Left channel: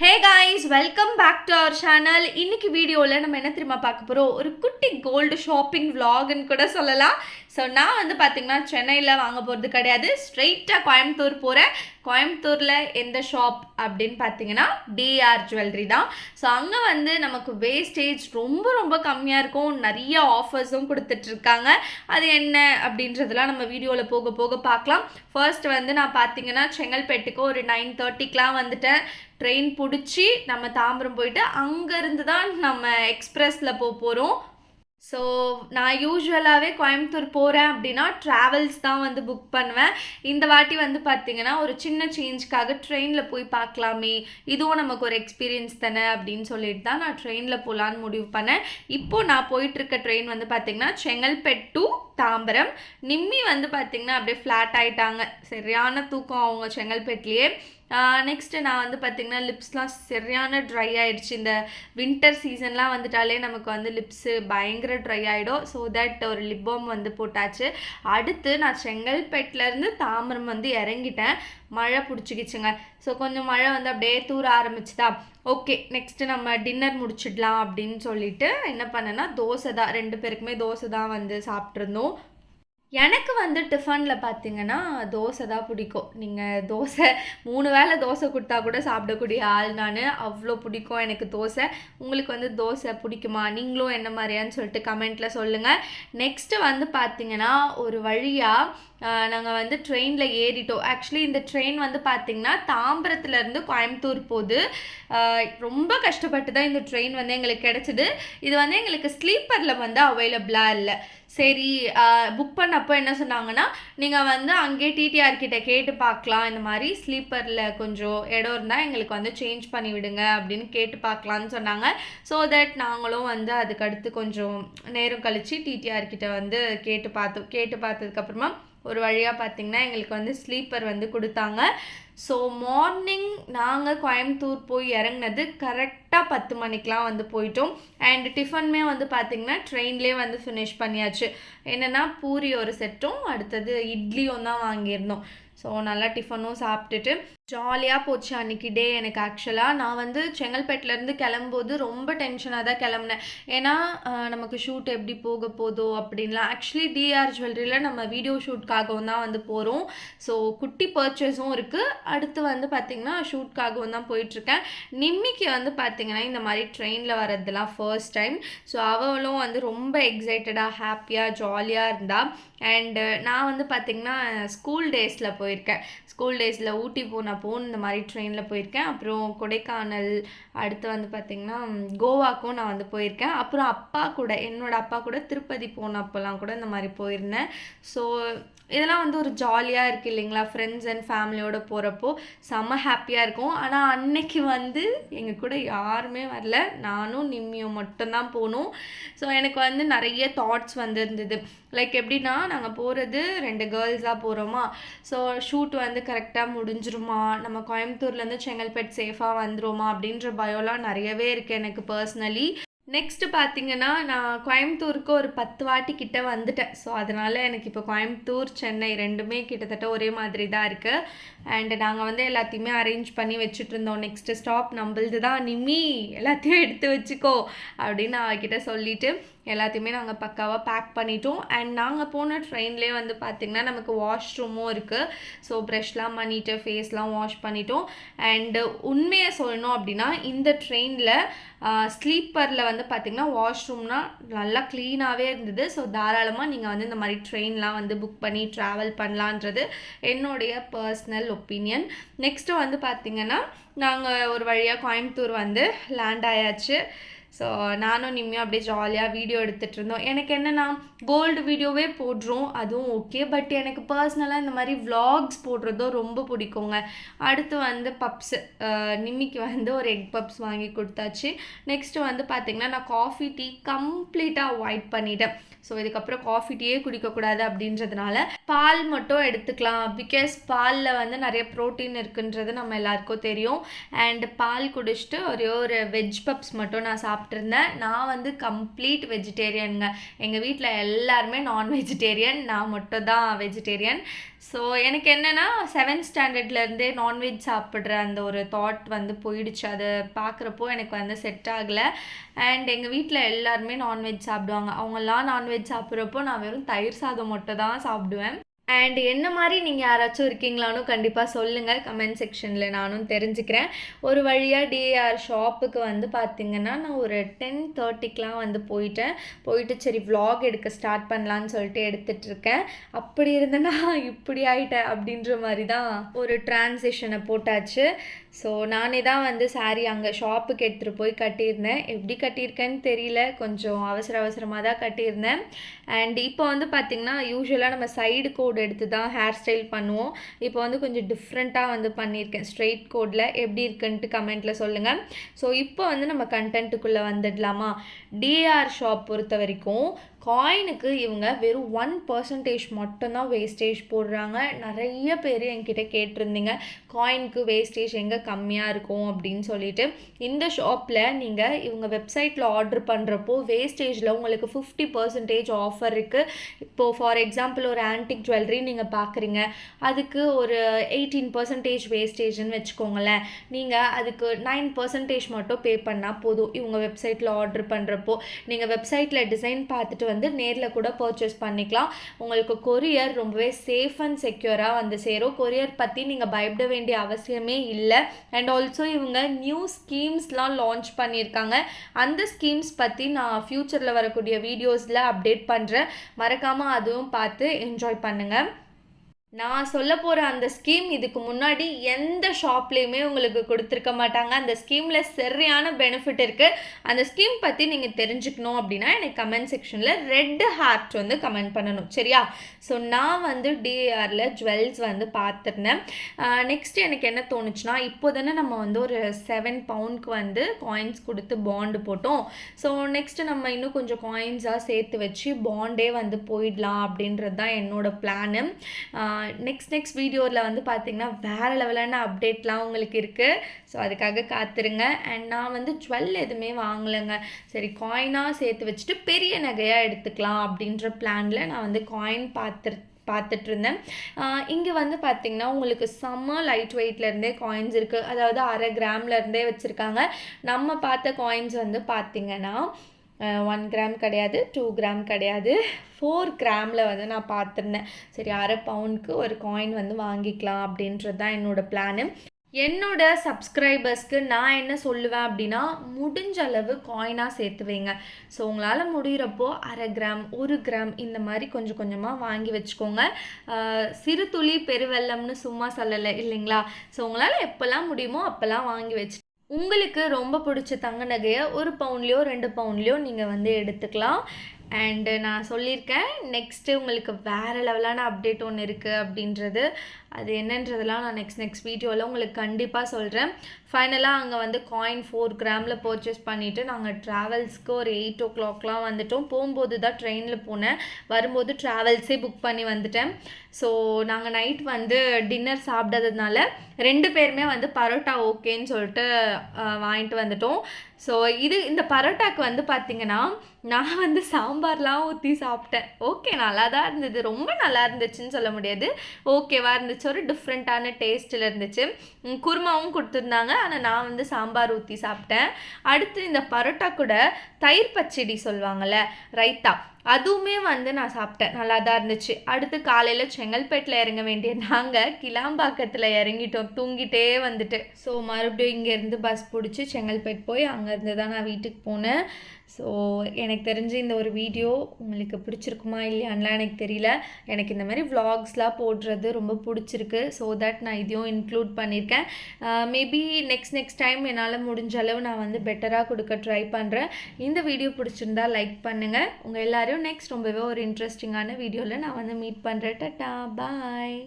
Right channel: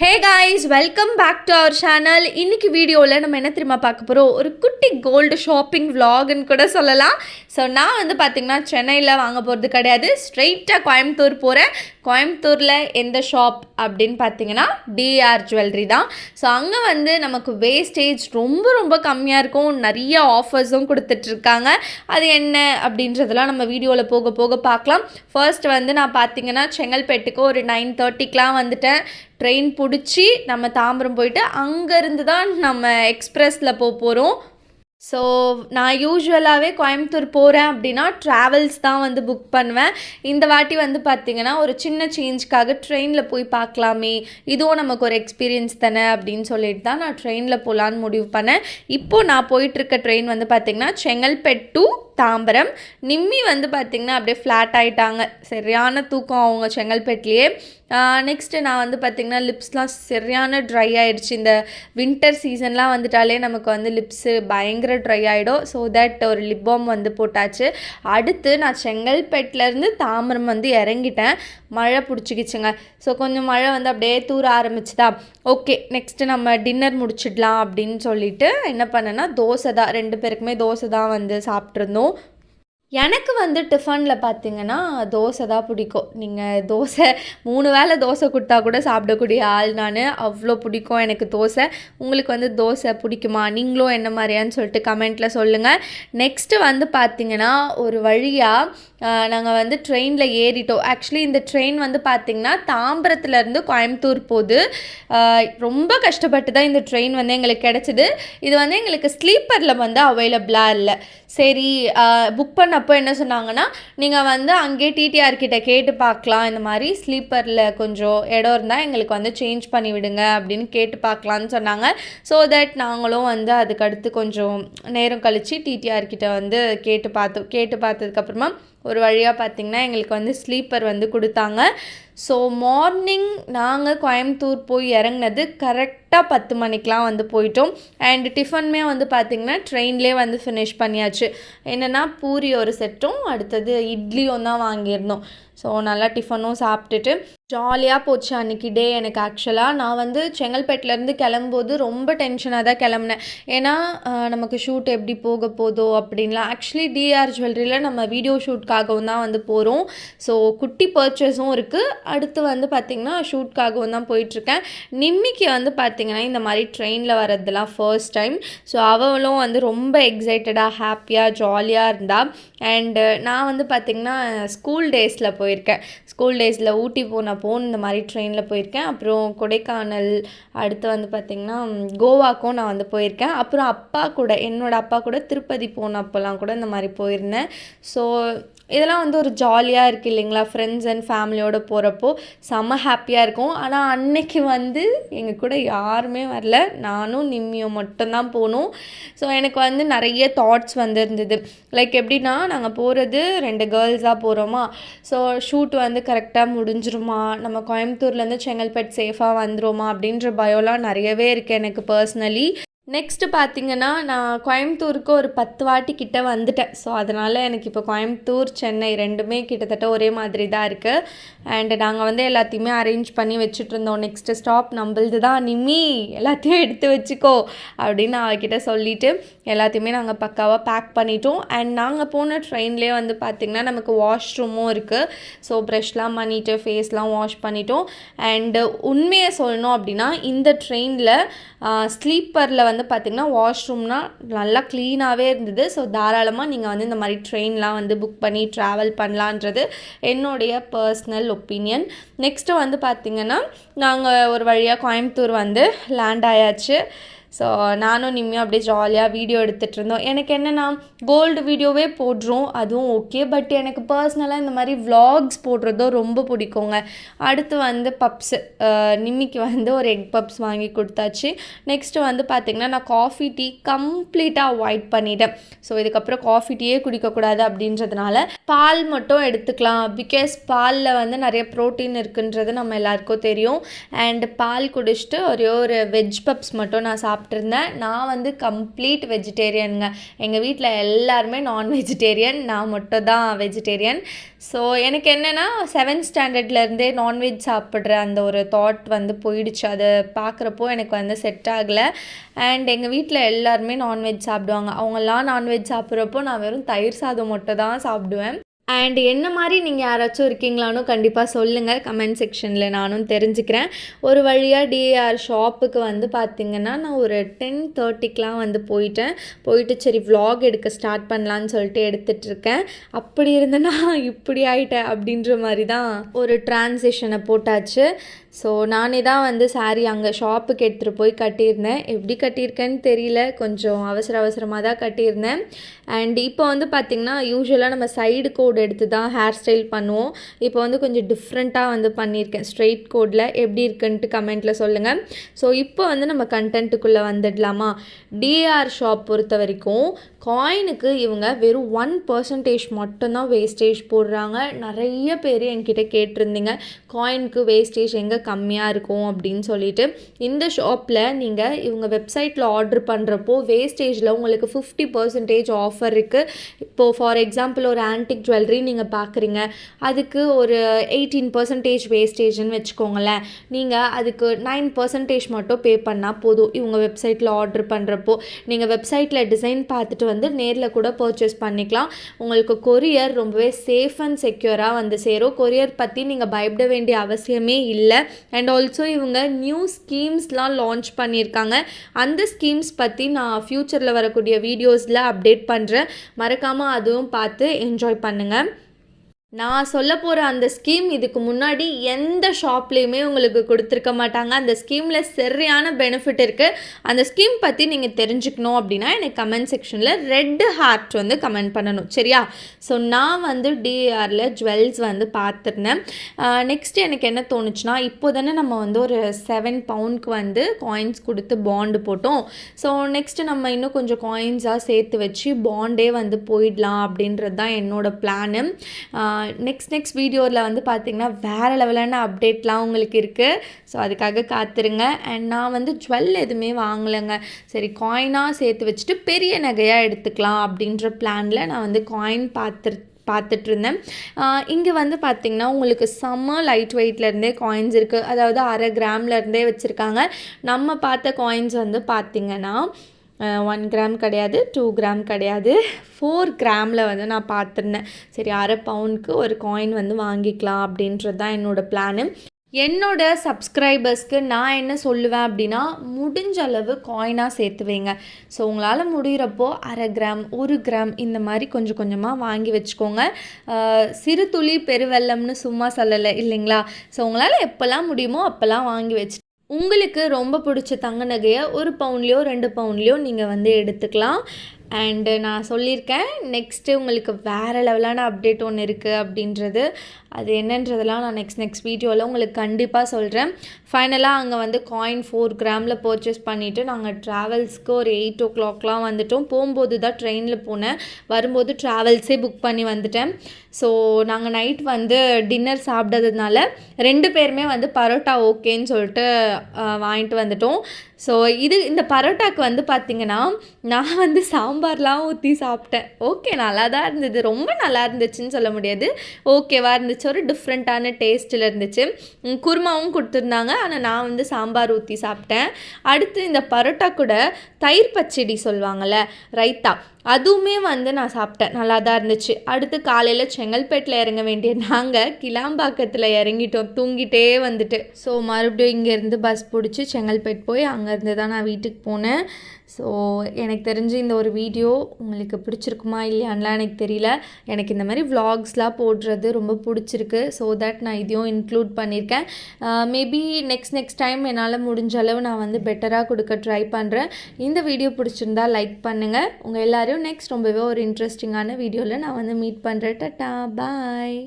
Hey guys, welcome back to our channel. இன்னைக்கு வீடியோவில் நம்ம என்ன தெரியுமா பார்க்க போகிறோம்? ஒரு குட்டி கோல்டு ஷாப்பிங் vlogன்னு கூட சொல்லலாம். ஸோ நான் வந்து பார்த்திங்கன்னா சென்னையில் வாங்க போகிறது கிடையாது, ஸ்ட்ரெயிட்டாக கோயம்புத்தூர் போகிறேன். கோயம்புத்தூரில் எந்த ஷாப் அப்படின்னு பார்த்தீங்கன்னா டிஆர் ஜுவல்லரி தான். ஸோ அங்கே வந்து நமக்கு வேஸ்டேஜ் ரொம்ப ரொம்ப கம்மியாக இருக்கும், நிறைய ஆஃபர்ஸும் கொடுத்துட்ருக்காங்க. அது என்ன அப்படின்றதெல்லாம் நம்ம வீடியோவில் போக போக பார்க்கலாம். ஃபர்ஸ்ட் வந்து நான் பார்த்தீங்கன்னா செங்கல்பேட்டுக்கு ஒரு 9:30க்கெலாம் வந்துட்டேன். ட்ரெயின் பிடிச்சி நம்ம தாம்பரம் போயிட்டு அங்கேருந்து தான் நம்ம எக்ஸ்ப்ரெஸில் போகிறோம். ஸோ நான் யூஸ்வலாகவே கோயம்புத்தூர் போகிறேன் அப்படின்னா ட்ராவல்ஸ் தான் வந்து புக் பண்ணுவேன். இந்த வாட்டி வந்து பார்த்திங்கன்னா ஒரு சின்ன சேஞ்சுக்காக ட்ரெயினில் போய் பார்க்கலாமே, இதுவும் நமக்கு ஒரு எக்ஸ்பீரியன்ஸ் தானே அப்படின்னு சொல்லிட்டு தான் நான் ட்ரெயினில் போகலான்னு முடிவு பண்ணேன். இப்போது நான் போயிட்டுருக்க ட்ரெயின் வந்து பார்த்திங்கன்னா செங்கல்பேட் டு தாம்பரம். நிம்மி வந்து பார்த்திங்கன்னா அப்படியே ஃப்ளாட் ஆகிட்டாங்க, சரியான தூக்கம் அவங்க செங்கல்பேட்லேயே. நெக்ஸ்ட்டு நான் வந்து பார்த்திங்கன்னா லிப்ஸ்லாம் சரியான ட்ரை ஆகிடுச்சு. இந்த வின்டர் சீசன்லாம் வந்துட்டாலே நமக்கு வந்து லிப்ஸு பயங்கர ட்ரை ஆகிடும். ஸோ தட் ஒரு லிப் பாம் வந்து போட்டாச்சு. அடுத்து நான் செங்கல்பேட்டிலேருந்து தாம்பரம் வந்து இறங்கிட்டேன். மழை பிடிச்சிக்கிச்சுங்க. ஸோ கொஞ்சம் மழை வந்து அப்படியே தூர ஆரம்பிச்சுதா. ஓகே, நெக்ஸ்ட்டு நம்ம டின்னர் முடிச்சிடலாம் அப்படின்னு சொல்லிட்டு என்ன பண்ணேன்னா தோசை தான், 2 பேருக்குமே தோசை தான் வந்து சாப்பிட்ருந்தோம். எனக்கு வந்து டிஃபனில் பார்த்திங்கன்னா தோசை தான் பிடிக்கும். நீங்கள் தோசை 3 வேளை தோசை கொடுத்தா கூட சாப்பிடக்கூடிய ஆள் நான். அவ்வளோ பிடிக்கும் எனக்கு தோசை. உங்களுக்கு வந்து தோசை பிடிக்குமா? நீங்களும் என்ன மாதிரியான்னு சொல்லிட்டு கமெண்ட்டில் சொல்லுங்கள். நெக்ஸ்ட்டு வந்து பார்த்திங்கன்னா ஒரு வழியாக நாங்கள் வந்து ட்ரெயினில் ஏறிட்டோம். ஆக்சுவலி இந்த ட்ரெயின் வந்து பார்த்திங்கன்னா தாம்பரத்துலேருந்து கோயம்புத்தூர் போகுது. ரொம்ப கஷ்டப்பட்டு தான் இந்த ட்ரெயின் வந்து எங்களுக்கு கிடச்சிது. இது வந்து எங்களுக்கு ஸ்லீப்பரில் வந்து அவைலபிளாக இல்லை. சரி, புக் பண்ணப்போ என்ன சொன்னாங்கன்னா, நீங்கள் வந்து அங்கேயே டிடிஆர் கிட்ட கேட்டு பார்க்கலாம், இந்த மாதிரி ஸ்லீப்பரில் கொஞ்சம் இடம் இருந்தால் எங்களுக்கு வந்து சேஞ்ச் பண்ணி விடுங்க அப்படின்னு கேட்டு பார்க்கலான்னு சொன்னாங்க. ஸோ தட் நாங்களும் வந்து அதுக்கடுத்து கொஞ்சம் நேரம் கழித்து டிடிஆர் கிட்ட வந்து கேட்டு பார்த்ததுக்கப்புறமா ஒரு வழியாக பார்த்திங்கன்னா எங்களுக்கு வந்து ஸ்லீப்பர் வந்து கொடுத்தாங்க. ஸோ மார்னிங் நாங்கள் கோயம்புத்தூர் போய் இறங்கினது கரெக்டாக 10 மணிக்கெலாம் வந்து போயிட்டோம். அண்ட் டிஃபனுமே வந்து பார்த்திங்கன்னா ட்ரெயின்லேயே வந்து ஃபினிஷ் பண்ணியாச்சு. என்னென்னா பூரி ஒரு செட்டும் அடுத்தது இட்லியும் தான் வாங்கியிருந்தோம். ஸோ நல்லா டிஃபனும் சாப்பிட்டுட்டு ஜாலியாக போச்சு அன்றைக்கி டே. எனக்கு ஆக்சுவலாக நான் வந்து செங்கல்பேட்டிலேருந்து கிளம்பும்போது ரொம்ப டென்ஷனாக தான் கிளம்புனேன். ஏன்னா நமக்கு ஷூட் எப்படி போக போதோ அப்படின்லாம். ஆக்சுவலி டிஆர் ஜுவல்லரியில் நம்ம வீடியோ ஷூட்காகவும் தான் வந்து போகிறோம். ஸோ குட்டி பர்ச்சேஸும் இருக்குது. அடுத்து வந்து பார்த்திங்கன்னா ஷூட்காகவும் தான் போயிட்டுருக்கேன். நிம்மிக்கு வந்து பார்த்திங்கன்னா இந்த மாதிரி ட்ரெயினில் வர்றதுலாம் ஃபர்ஸ்ட் டைம். ஸோ அவளும் வந்து ரொம்ப எக்ஸைட்டடாக ஹாப்பியாக ஜாலியாக இருந்தாள். அண்டு நான் வந்து பார்த்திங்கன்னா ஸ்கூல் டேஸில் போயிருக்கேன். ஸ்கூல் டேஸில் ஊட்டி போனப்போ இந்த மாதிரி ட்ரெயினில் போயிருக்கேன். அப்புறம் கொடைக்கானல், அடுத்து வந்து பார்த்திங்கன்னா கோவாக்கும் நான் வந்து போயிருக்கேன். அப்புறம் என்னோடய அப்பா கூட திருப்பதி போனப்போலாம் கூட இந்த மாதிரி போயிருந்தேன். ஸோ இதெல்லாம் வந்து ஒரு ஜாலியாக இருக்குது இல்லைங்களா? ஃப்ரெண்ட்ஸ் அண்ட் ஃபேமிலியோடு போகிறப்போ செம்ம ஹாப்பியாக இருக்கும். ஆனால் அன்னைக்கு வந்து எங்கள் கூட யாருமே வரல, நானும் நிம்மியும் மட்டும்தான் போனோம். ஸோ எனக்கு வந்து நிறைய தாட்ஸ் வந்து இருந்தது. லைக் எப்படின்னா, நாங்கள் போகிறது 2 கேர்ள்ஸாக போகிறோமா, ஸோ ஷூட் வந்து கரெக்டாக முடிஞ்சிருமா, நம்ம கோயம்புத்தூர்லேருந்து செங்கல்பேட் சேஃபாக வந்துருமா அப்படின்ற பயம்லாம் நிறையவே இருக்குது எனக்கு பர்சனலி. நெக்ஸ்ட்டு பார்த்திங்கன்னா நான் கோயம்புத்தூருக்கு ஒரு 10 வாட்டி கிட்ட வந்துட்டேன். ஸோ அதனால் எனக்கு இப்போ கோயம்புத்தூர் சென்னை 2மே கிட்டத்தட்ட ஒரே மாதிரி தான் இருக்குது. அண்டு நாங்கள் வந்து எல்லாத்தையுமே அரேஞ்ச் பண்ணி வச்சுட்ருந்தோம். நெக்ஸ்ட்டு ஸ்டாப் நம்மளது தான் நிம்மி, எல்லாத்தையும் எடுத்து வச்சுக்கோ அப்படின்னு அவகிட்ட சொல்லிவிட்டு எல்லாத்தையுமே நாங்கள் பக்காவாக பேக் பண்ணிட்டோம். அண்ட் நாங்கள் போன ட்ரெயின்லேயே வந்து பார்த்திங்கன்னா நமக்கு வாஷ்ரூமும் இருக்குது. ஸோ ப்ரஷ்லாம் பண்ணிவிட்டு ஃபேஸ்லாம் வாஷ் பண்ணிட்டோம். அண்டு உண்மையை சொல்லணும் அப்படின்னா இந்த ட்ரெயினில் ஸ்லீப்பரில் வந்து பார்த்திங்கன்னா வாஷ்ரூம்னால் நல்லா க்ளீனாகவே இருந்தது. ஸோ தாராளமாக நீங்கள் வந்து இந்த மாதிரி ட்ரெயின்லாம் வந்து புக் பண்ணி ட்ராவல் பண்ணலான்றது என்னுடைய பர்சனல் ஒப்பீனியன். நெக்ஸ்ட்டு வந்து பார்த்திங்கன்னா நாங்கள் ஒரு வழியாக கோயம்புத்தூர் வந்து லேண்ட் ஆயாச்சு. ஸோ நானும் நிம்மியும் அப்படியே ஜாலியாக வீடியோ எடுத்துகிட்டு இருந்தோம். எனக்கு என்னென்னா கோல்டு வீடியோவே போடுறோம், அதுவும் ஓகே. பட் எனக்கு பர்சனலாக இந்த மாதிரி vlogs போடுறதோ ரொம்ப பிடிக்குங்க. அடுத்து வந்து பப்ஸு, நிம்மிக்கு வந்து ஒரு எக் பப்ஸ் வாங்கி கொடுத்தாச்சு. நெக்ஸ்ட்டு வந்து பார்த்திங்கன்னா நான் காஃபி டீ கம்ப்ளீட்டாக அவாய்ட் பண்ணிட்டேன். ஸோ இதுக்கப்புறம் காஃபி டீயே குடிக்கக்கூடாது அப்படின்றதுனால பால் மட்டும் எடுத்துக்கலாம். பிகாஸ் பாலில் வந்து நிறைய ப்ரோட்டீன் இருக்குன்றது நம்ம எல்லாருக்கும் தெரியும். அண்ட் பால் குடிச்சிட்டு ஒரே ஒரு வெஜ் பப்ஸ் மட்டும் நான் சாப்பிட்டேன். சாப்பிட்ருந்தேன். நான் வந்து கம்ப்ளீட் வெஜிடேரியனுங்க. எங்கள் வீட்டில் எல்லாருமே நான் வெஜிடேரியன், நான் மட்டும் தான் வெஜிடேரியன். ஸோ எனக்கு என்னென்னா 7th ஸ்டாண்டர்ட்லேருந்தே நான்வெஜ் சாப்பிட்ற அந்த ஒரு தாட் வந்து போயிடுச்சு. அது பார்க்குறப்போ எனக்கு வந்து செட் ஆகலை. அண்ட் எங்கள் வீட்டில் எல்லாருமே நான்வெஜ் சாப்பிடுவாங்க. அவங்கெல்லாம் நான்வெஜ் சாப்பிட்றப்போ நான் வெறும் தயிர் சாதம் மட்டும் தான் சாப்பிடுவேன். அண்ட் என்ன மாதிரி நீங்கள் யாராச்சும் இருக்கீங்களானு கண்டிப்பாக சொல்லுங்கள் கமெண்ட் செக்ஷனில், நானும் தெரிஞ்சுக்கிறேன். ஒரு வழியாக டிஏஆர் ஷாப்புக்கு வந்து பார்த்திங்கன்னா நான் ஒரு 10:30க்கெலாம் வந்து போயிட்டு சரி vlog எடுக்க ஸ்டார்ட் பண்ணலான்னு சொல்லிட்டு எடுத்துகிட்ருக்கேன். அப்படி இருந்தேன்னா இப்படி ஆகிட்டேன் அப்படின்ற மாதிரி தான் ஒரு ட்ரான்சிஷனை போட்டாச்சு. ஸோ நானே தான் வந்து சாரீ அங்கே ஷாப்புக்கு எடுத்துகிட்டு போய் கட்டியிருந்தேன். எப்படி கட்டியிருக்கேன்னு தெரியல, கொஞ்சம் அவசரமாக தான் கட்டியிருந்தேன். அண்ட் இப்போ வந்து பார்த்திங்கன்னா யூஸ்வலாக நம்ம சைடு கோட் எடுத்து தான் ஹேர் ஸ்டைல் பண்ணுவோம். இப்போ வந்து கொஞ்சம் டிஃப்ரெண்ட்டாக வந்து பண்ணியிருக்கேன் ஸ்ட்ரெயிட் கோடில். எப்படி இருக்குன்ட்டு கமெண்ட்டில் சொல்லுங்கள். ஸோ இப்போ வந்து நம்ம கண்டென்ட்டுக்குள்ளே வந்துடலாமா? டிஏஆர் ஷாப் பொறுத்த வரைக்கும் காயினுக்கு இவங்க வெறும் 1% மட்டும்தான் வேஸ்டேஜ் போடுறாங்க. நிறைய பேர் என்கிட்ட கேட்டிருந்தீங்க காயினுக்கு வேஸ்டேஜ் எங்கே கம்மியாக இருக்கும் அப்படின்னு சொல்லிட்டு. இந்த ஷாப்பில் நீங்கள் இவங்க வெப்சைட்டில் ஆர்டர் பண்ணுறப்போ வேஸ்டேஜில் உங்களுக்கு 50% ஆஃபர் இருக்குது. இப்போது ஃபார் எக்ஸாம்பிள் ஒரு ஆன்டிக் ஜுவல்லரி நீங்கள் பார்க்குறீங்க, அதுக்கு ஒரு 18% வேஸ்டேஜ்னு வச்சுக்கோங்களேன். நீங்கள் அதுக்கு 9% மட்டும் பே பண்ணால் போதும் இவங்க வெப்சைட்டில் ஆர்டர் பண்ணுறப்போ. நீங்கள் வெப்சைட்டில் டிசைன் பார்த்துட்டு வந்து நேரில் கூட பர்ச்சேஸ் பண்ணிக்கலாம். உங்களுக்கு கொரியர் ரொம்பவே சேஃப் அண்ட் செக்யூராக வந்து சேரும். கொரியர் பற்றி நீங்கள் பயப்பட வேண்டிய அவசியமே இல்லை. அண்ட் ஆல்சோ இவங்க நியூ ஸ்கீம்ஸ்லாம் லான்ச் பண்ணியிருக்காங்க. அந்த ஸ்கீம்ஸ் பற்றி நான் ஃப்யூச்சரில் வரக்கூடிய வீடியோஸில் அப்டேட் பண்ணுறேன். மறக்காமல் அதுவும் பார்த்து என்ஜாய் பண்ணுங்கள். நான் சொல்ல போகிற அந்த ஸ்கீம் இதுக்கு முன்னாடி எந்த ஷாப்லேயுமே உங்களுக்கு கொடுத்துருக்க மாட்டாங்க. அந்த ஸ்கீமில் சரியான பெனிஃபிட் இருக்குது. அந்த ஸ்கீம் பற்றி நீங்கள் தெரிஞ்சுக்கணும் அப்படின்னா எனக்கு கமெண்ட் செக்ஷனில் ரெட் ஹார்ட் வந்து கமெண்ட் பண்ணணும், சரியா? ஸோ நான் வந்து டிஏஆரில் ஜுவல்ஸ் வந்து பார்த்துருந்தேன். நெக்ஸ்ட் எனக்கு என்ன தோணுச்சுன்னா, இப்போ தானே நம்ம வந்து ஒரு 7 பவுண்டுக்கு வந்து காயின்ஸ் கொடுத்து பாண்டு போட்டோம். ஸோ நெக்ஸ்ட்டு நம்ம இன்னும் கொஞ்சம் காயின்ஸாக சேர்த்து வச்சு பாண்டே வந்து போயிடலாம் அப்படின்றது தான் என்னோடய பிளானு. நெக்ஸ்ட் வீடியோவில் வந்து பார்த்திங்கன்னா வேறு லெவலான அப்டேட்லாம் உங்களுக்கு இருக்குது. ஸோ அதுக்காக காத்துருங்க. அண்ட் நான் வந்து ஜுவல் எதுவுமே வாங்கலைங்க. சரி காயினாக சேர்த்து வச்சுட்டு பெரிய நகையாக எடுத்துக்கலாம் அப்படின்ற பிளானில் நான் வந்து காயின் பார்த்துட்டு இருந்தேன். இங்கே வந்து பார்த்திங்கன்னா உங்களுக்கு செம்ம லைட் வெயிட்லேருந்தே காயின்ஸ் இருக்குது. அதாவது 1/2 கிராம்லேருந்தே வச்சுருக்காங்க. நம்ம பார்த்த காயின்ஸ் வந்து பார்த்திங்கன்னா 1 கிராம் கிடையாது, 2 கிராம் கிடையாது, 4 கிராமில் வந்து நான் பார்த்துருந்தேன். சரி 1/2 பவுண்டுக்கு ஒரு காயின் வந்து வாங்கிக்கலாம் அப்படின்றது தான் என்னோடய பிளானு. என்னோட சப்ஸ்கிரைபர்ஸ்க்கு நான் என்ன சொல்லுவேன் அப்படின்னா, முடிஞ்ச அளவு காயினாக சேர்த்து வைங்க. ஸோ உங்களால் முடிகிறப்போ 1/2 கிராம் 1 கிராம் இந்த மாதிரி கொஞ்சம் கொஞ்சமாக வாங்கி வச்சுக்கோங்க. சிறு துளி பெருவெள்ளம்னு சும்மா சொல்லலை இல்லைங்களா? ஸோ உங்களால் எப்போல்லாம் முடியுமோ அப்போல்லாம் வாங்கி வச்சு உங்களுக்கு ரொம்ப பிடிச்ச தங்க நகையை 1 பவுண்ட்லேயோ 2 பவுண்ட்லேயோ நீங்கள் வந்து எடுத்துக்கலாம். அண்டு நான் சொல்லியிருக்கேன் நெக்ஸ்ட்டு உங்களுக்கு வேறு லெவலான அப்டேட் ஒன்று இருக்குது அப்படின்றது. அது என்னன்றதெல்லாம் நான் நெக்ஸ்ட் வீடியோவில் உங்களுக்கு கண்டிப்பாக சொல்கிறேன். ஃபைனலாக அங்கே வந்து காயின் 4 கிராமில் பர்ச்சேஸ் பண்ணிவிட்டு நாங்கள் ட்ராவல்ஸ்க்கு ஒரு 8 o'clockலாம் வந்துவிட்டோம். போகும்போது தான் ட்ரெயினில் போனேன், வரும்போது ட்ராவல்ஸே புக் பண்ணி வந்துட்டேன். ஸோ நாங்கள் நைட் வந்து டின்னர் சாப்பிட்டதுனால 2 பேருமே வந்து பரோட்டா ஓகேன்னு சொல்லிட்டு வாங்கிட்டு வந்துட்டோம். ஸோ இந்த பரோட்டாக்கு வந்து பார்த்திங்கன்னா நான் வந்து சாம்பார்லாம் ஊற்றி சாப்பிட்டேன். ஓகே நல்லா தான் இருந்தது, ரொம்ப நல்லா இருந்துச்சுன்னு சொல்ல முடியாது, ஓகேவாக இருந்துச்சு. ஒரு டிஃப்ரெண்ட்டான டேஸ்ட்டில் இருந்துச்சு. குருமாவும் கொடுத்துருந்தாங்க, ஆனால் நான் வந்து சாம்பார் ஊற்றி சாப்பிட்டேன். அடுத்து இந்த பரோட்டா கூட தயிர் பச்சடி சொல்லுவாங்கள்ல, ரைத்தா, அதுவுமே வந்து நான் சாப்பிட்டேன், நல்லா தான் இருந்துச்சு. அடுத்து காலையில் செங்கல்பேட்டில் இறங்க வேண்டிய நாங்கள் கிளாம்பாக்கத்தில் இறங்கிட்டோம் தூங்கிட்டே வந்துட்டு. ஸோ மறுபடியும் இங்கேருந்து பஸ் பிடிச்சி செங்கல்பேட் போய் அங்கேருந்து தான் நான் வீட்டுக்கு போனேன். ஸோ எனக்கு தெரிஞ்சு இந்த ஒரு வீடியோ உங்களுக்கு பிடிச்சிருக்குமா இல்லையான்லாம் எனக்கு தெரியல. எனக்கு இந்த மாதிரி vlogsலாம் போடுறது ரொம்ப பிடிச்சிருக்கு. ஸோ தட் நான் இதையும் இன்க்ளூட் பண்ணியிருக்கேன். மேபி நெக்ஸ்ட் டைம் என்னால் முடிஞ்ச அளவு நான் வந்து பெட்டராக கொடுக்க ட்ரை பண்ணுறேன். இந்த வீடியோ பிடிச்சிருந்தா லைக் பண்ணுங்கள். உங்கள் எல்லோரும் நெக்ஸ்ட் ரொம்பவே ஒரு இன்ட்ரெஸ்டிங்கான வீடியோவில் நான் வந்து மீட் பண்ணுறேன். டாடா பாய்.